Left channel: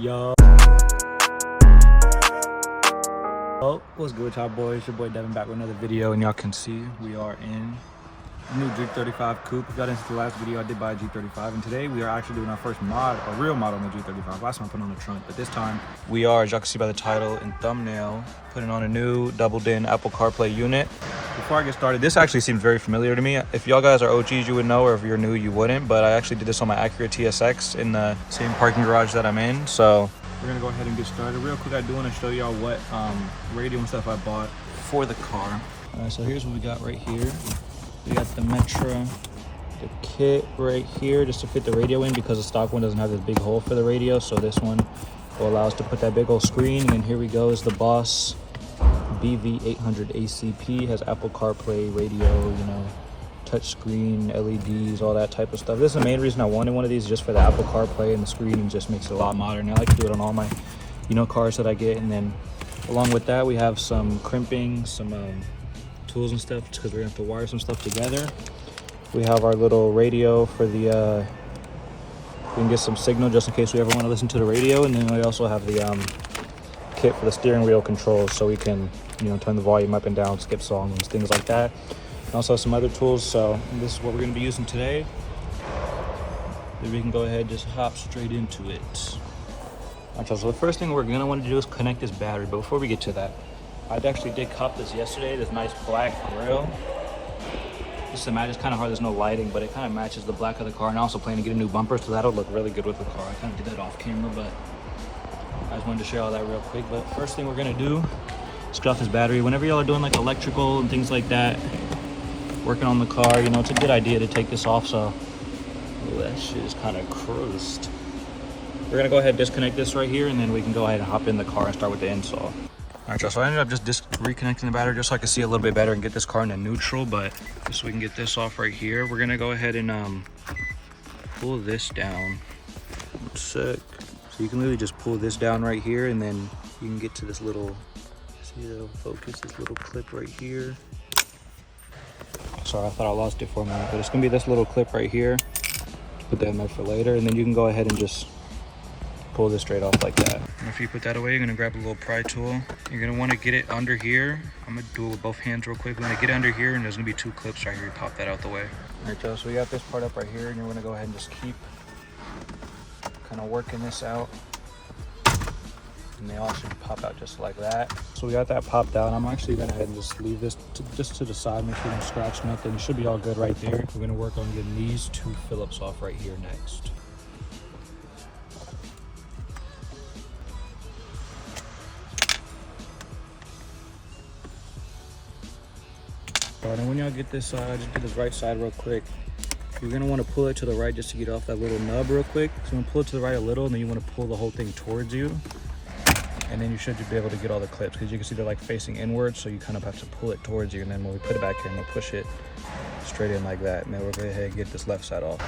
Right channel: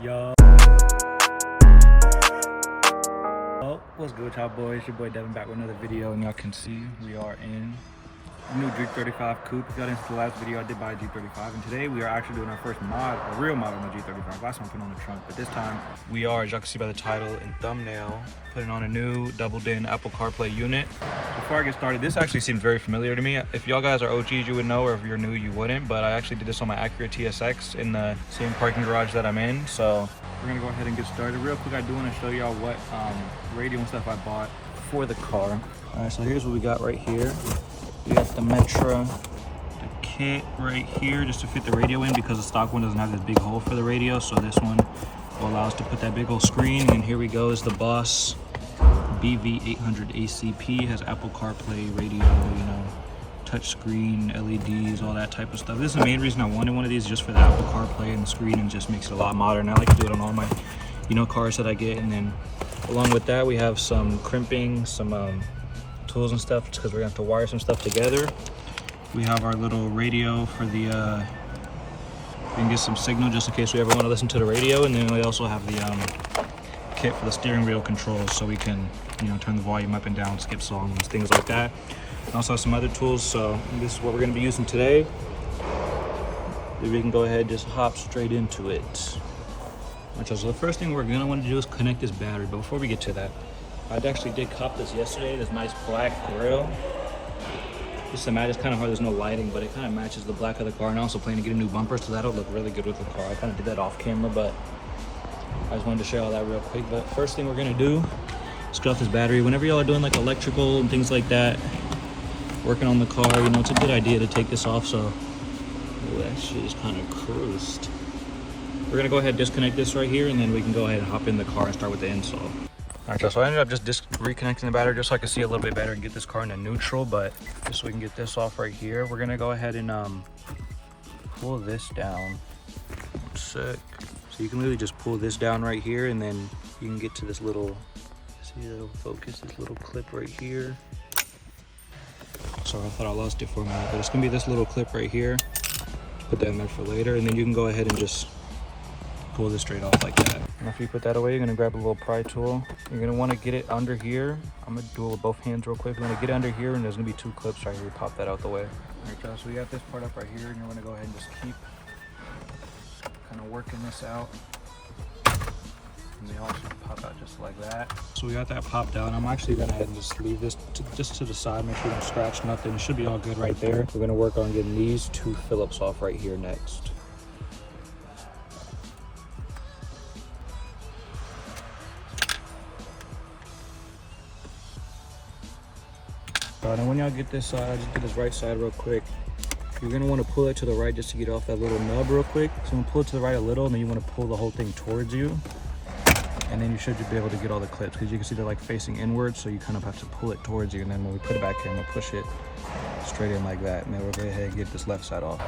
Yo. Oh, what's good, y'all boys? It's your boy Devin back with another video, and y'all can see we are in the new G35 coupe. If y'all didn't see the last video, I did buy a G35, and today we are actually doing our first mod, a real mod on the G35. Last one I put on the trunk, but this time we are, as y'all can see by the title and thumbnail, putting on a new double-din Apple Carplay unit. Before I get started, this actually seems very familiar to me. If y'all guys are OGs, you would know, or if you're new, you wouldn't, but I actually did this on my Acura TSX in the same parking garage that I'm in, so we're gonna go ahead and get started. Real quick, I do want to show y'all what radio and stuff I bought for the car. All right, so here's what we got right here. We got the Metra, the kit right here, just to fit the radio in, because the stock one doesn't have this big hole for the radio, so this one will allow us to put that big old screen. And here we go is the Boss BV800 ACP. Has Apple CarPlay, radio, you know, touch screen, LEDs, all that type of stuff. This is the main reason I wanted one of these, just for the Apple CarPlay and the screen, and just makes it a lot modern. I like to do it on all my, you know, cars that I get. And then along with that, we have some crimping, some tools and stuff, because we're gonna have to wire some stuff together. We have our little radio for the we can get some signal just in case we ever want to listen to the radio. And then we also have the kit for the steering wheel controls, so we can, you know, turn the volume up and down, skip songs, things like that. And also some other tools. So this is what we're going to be using today. We can go ahead and just hop straight into it. Alright, so the first thing we're going to want to do is connect this battery. But before we get to that, I actually did cop this yesterday, this nice black grill. It's kind of hard, there's no lighting, but it kind of matches the black of the car. And I also plan to get a new bumper, so that'll look really good with the car. I kind of did that off camera, but I just wanted to share all that real quick. But first thing we're going to do is get off this battery. Whenever y'all are doing like electrical and things like that, working on the car, you know, it's a good idea to take this off. So that shit is kind of crushed. We're gonna go ahead and disconnect this right here, and then we can go ahead and hop in the car and start with the install. All right, y'all, so I ended up just reconnecting the battery just so I could see a little bit better and get this car into neutral. But just so we can get this off right here, we're gonna go ahead and pull this down. One sec. So you can literally just pull this down right here, and then you can get to this little, see, it'll focus, this little clip right here. Sorry, I thought I lost it for a minute, but it's gonna be this little clip right here. Put that in there for later, and then you can go ahead and just pull this straight off like that. And after you put that away, you're gonna grab a little pry tool. You're gonna wanna get it under here. I'm gonna do it with both hands real quick. We're gonna get it under here, and there's gonna be two clips right here. You pop that out the way. All right, so we got this part up right here, and you're gonna go ahead and just keep kind of working this out. And they all should pop out just like that. So we got that popped out. I'm actually gonna go ahead and just leave this just to the side, make sure you don't scratch nothing. It should be all good right there. We're gonna work on getting these two Phillips off right here next. All right, and when y'all get this side, just get this right side real quick. You're gonna want to pull it to the right just to get off that little nub real quick. So I'm gonna pull it to the right a little, and then you want to pull the whole thing towards you. And then you should be able to get all the clips, because you can see they're like facing inward, so you kind of have to pull it towards you. And then when we put it back in, we'll push it straight in like that. And then we'll go ahead and get this left side off.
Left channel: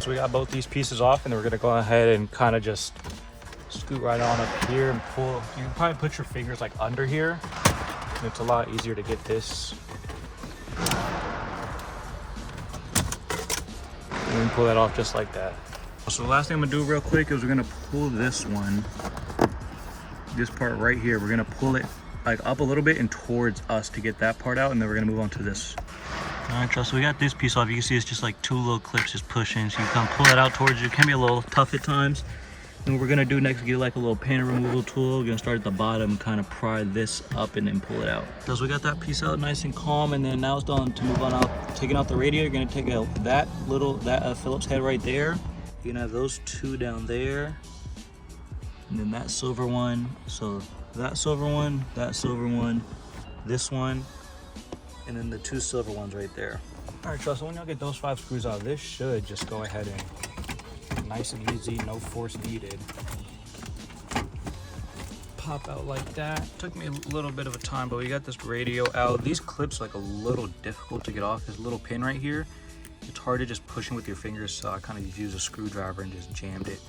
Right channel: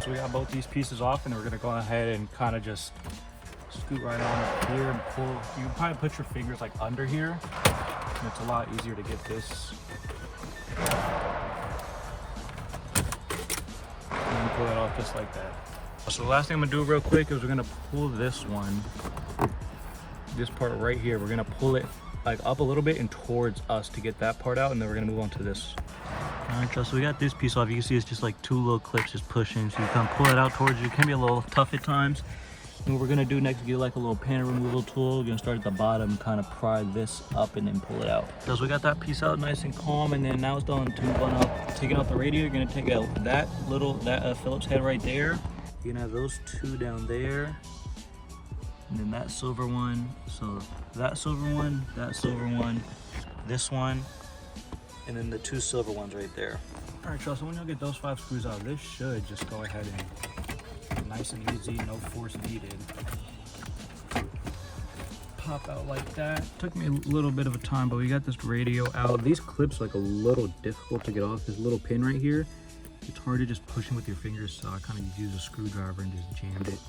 So we got both these pieces off, and we're gonna go ahead and kind of just scoot right on up here and pull. You can probably put your fingers like under here. It's a lot easier to get this. You can pull that off just like that. So the last thing I'm gonna do real quick is we're gonna pull this one, this part right here. We're gonna pull it like up a little bit and towards us to get that part out, and then we're gonna move on to this. All right, so we got this piece off. You can see it's just like two little clips just pushing. So you can pull it out towards you. It can be a little tough at times. And what we're gonna do next is get like a little panel removal tool. We're gonna start at the bottom and kind of pry this up and then pull it out. So we got that piece out nice and calm, and then now it's done to move on out. Taking out the radio, you're gonna take out that Phillips head right there. You're gonna have those two down there, and then that silver one. So that silver one, this one, and then the two silver ones right there. All right, so when y'all get those 5 screws out, this should just go ahead and nice and easy, no force needed. Pop out like that. Took me a little bit of a time, but we got this radio out. These clips are like a little difficult to get off. This little pin right here, it's hard to just push in with your fingers, so I kind of used a screwdriver and just jammed it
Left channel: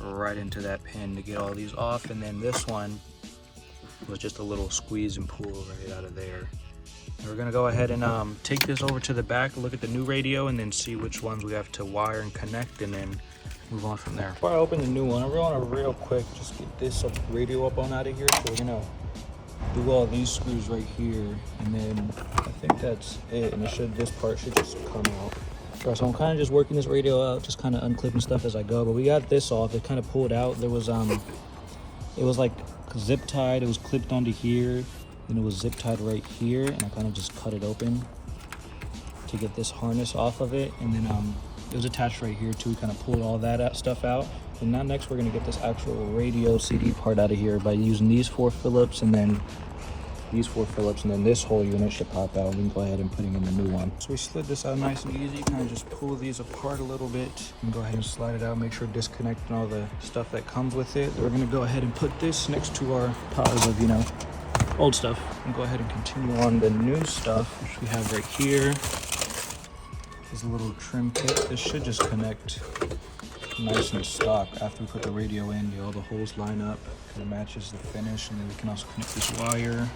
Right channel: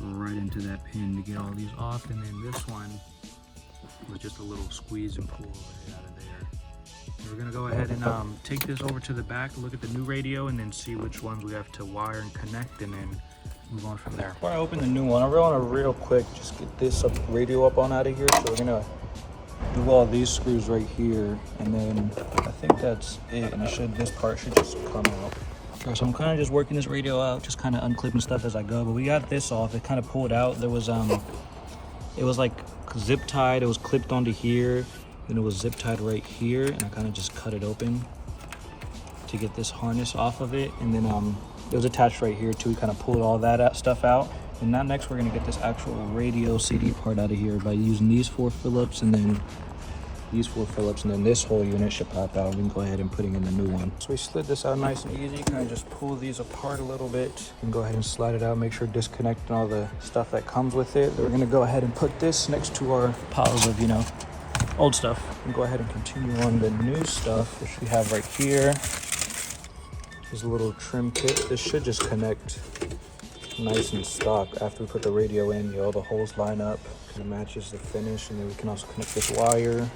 right into that pin to get all these off. And then this one was just a little squeeze and pull right out of there. We're gonna go ahead and take this over to the back, look at the new radio, and then see which ones we have to wire and connect, and then move on from there. Before I open the new one, I want to real quick just get this radio up on out of here. So we're gonna do all these screws right here, and then I think that's it. And this part should just come out. Sure, so I'm kind of just working this radio out, just kind of unclipping stuff as I go. But we got this off. It kind of pulled out. There was it was like zip tied. It was clipped onto here. Then it was zip tied right here, and I kind of just cut it open to get this harness off of it. And then it was attached right here too. Kind of pulled all that stuff out. And now next we're gonna get this actual radio CD part out of here by using these 4 Phillips and then these 4 Phillips, and then this whole unit should pop out. We can go ahead and put it in the new one. So we slid this out nice and easy. Kind of just pull these apart a little bit and go ahead and slide it out. Make sure disconnecting all the stuff that comes with it. We're gonna go ahead and put this next to our piles of, old stuff. And go ahead and continue on the new stuff, which we have right here. There's a little trim kit. This should just connect nice and stock after we put the radio in. All the holes line up, kind of matches the finish, and then we can also connect this wire.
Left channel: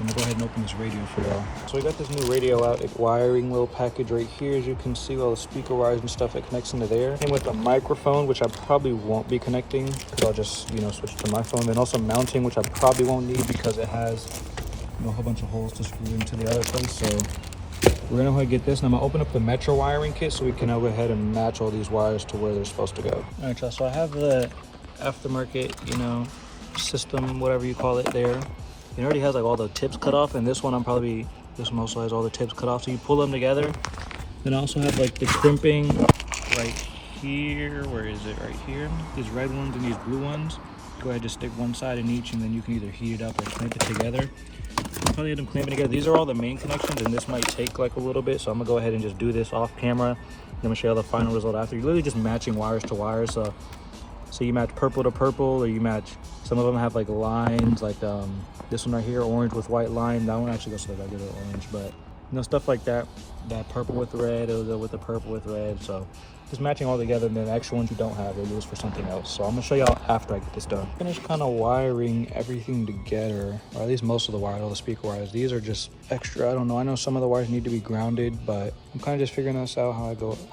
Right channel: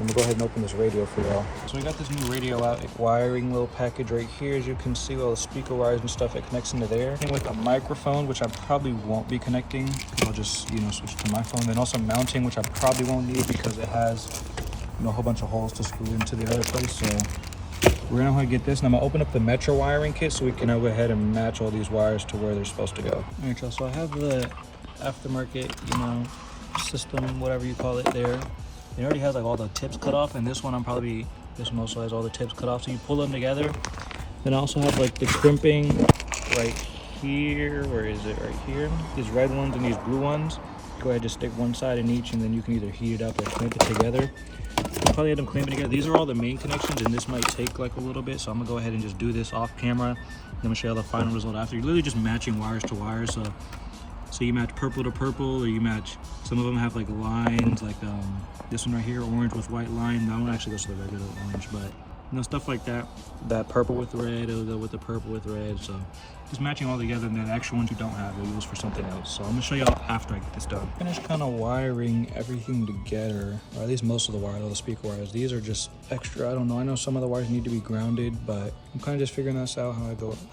I'm gonna go ahead and open this radio for y'all. So we got this new radio out, wiring little package right here. As you can see, all the speaker wires and stuff that connects into there. Came with a microphone, which I probably won't be connecting because I'll just, switch to my phone. And also mounting, which I probably won't need because it has, a whole bunch of holes to screw into the other place. So we're gonna go ahead and get this, and I'm gonna open up the Metro wiring kit so we can now go ahead and match all these wires to where they're supposed to go. All right, y'all, so I have the aftermarket, system, whatever you call it there. It already has like all the tips cut off, and this one this one also has all the tips cut off. So you pull them together. Then I also have like the crimping right here. Where is it? Right here. These red ones and these blue ones. Go ahead, just stick one side in each, and then you can either heat it up or clamp it together. I'll probably end up clamping together. These are all the main connections, and this might take like a little bit. So I'm gonna go ahead and just do this off camera. Then I'm gonna show you the final result after. You're literally just matching wires to wires. So you match purple to purple, or you match, some of them have like lines, like this one right here, orange with white line. That one actually goes to the regular orange, but stuff like that. That purple with red, it'll go with the purple with red. So just matching all together, and then the extra ones you don't have, they'll use for something else. So I'm gonna show y'all after I get this done. Finished kind of wiring everything together, or at least most of the wires, all the speaker wires. These are just extra. I don't know. I know some of the wires need to be grounded, but I'm kind of just figuring this out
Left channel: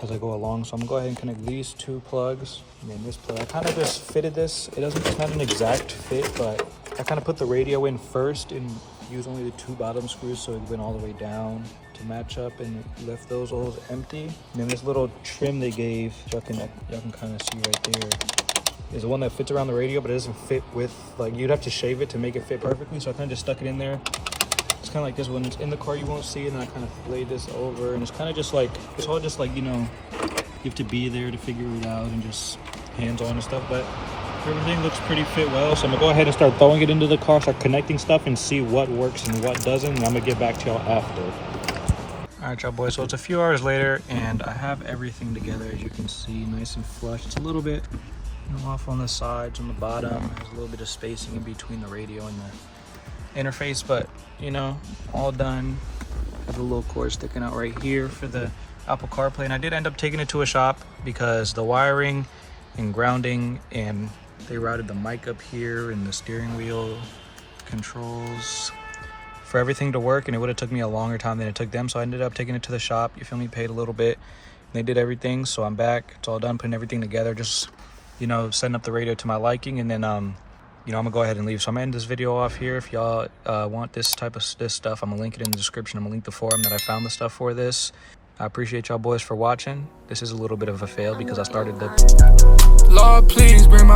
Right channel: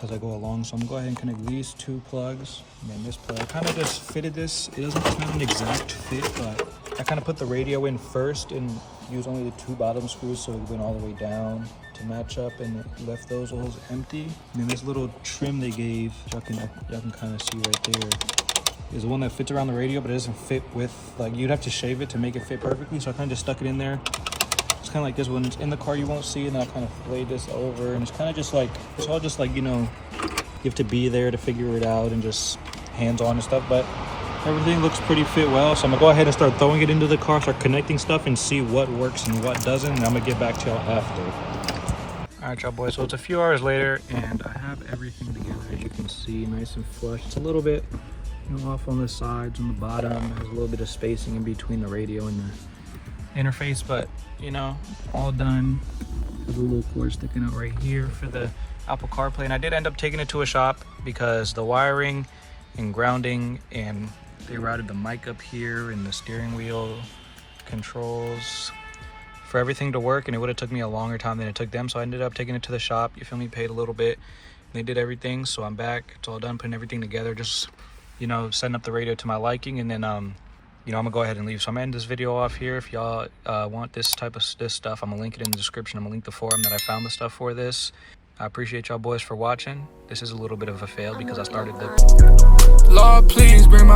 as I go along. So I'm gonna go ahead and connect these 2 plugs, and then this plug. I kind of just fitted this. It's not an exact fit, but I kind of put the radio in first and use only the 2 bottom screws, so it went all the way down to match up, and left those holes empty. And then this little trim they gave, y'all can kind of see right there, is the one that fits around the radio, but it doesn't fit with, like, you'd have to shave it to make it fit perfectly. So I kind of just stuck it in there. It's kind of like this. When it's in the car, you won't see it, and I kind of laid this over, and it's kind of just like, it's all just like, you have to be there to figure it out and just hands-on and stuff. But everything looks pretty fit well, so I'm gonna go ahead and start throwing it into the car, start connecting stuff, and see what works and what doesn't, and I'm gonna get back to y'all after. All right, y'all boys, so it's a few hours later, and I have everything together, as you can see, nice and flush. It's a little bit off on the sides, on the bottom. There's a little bit of spacing in between the radio and the interface, but all done. With a little cord sticking out right here for the Apple CarPlay, and I did end up taking it to a shop because the wiring and grounding, and they routed the mic up here and the steering wheel controls for everything to work, and it would have took me a longer time than it took them. So I ended up taking it to the shop. You feel me? Paid a little bit. They did everything, so I'm back. It's all done, putting everything together, just setting up the radio to my liking, and then I'm gonna go ahead and leave. So I'm gonna end this video off here. If y'all want this type of stuff, I'm gonna link it in the description. I'm gonna link the forum that I found the stuff for this. I appreciate y'all boys for watching. This is a little bit of a fail because I started the... Lord, please bring my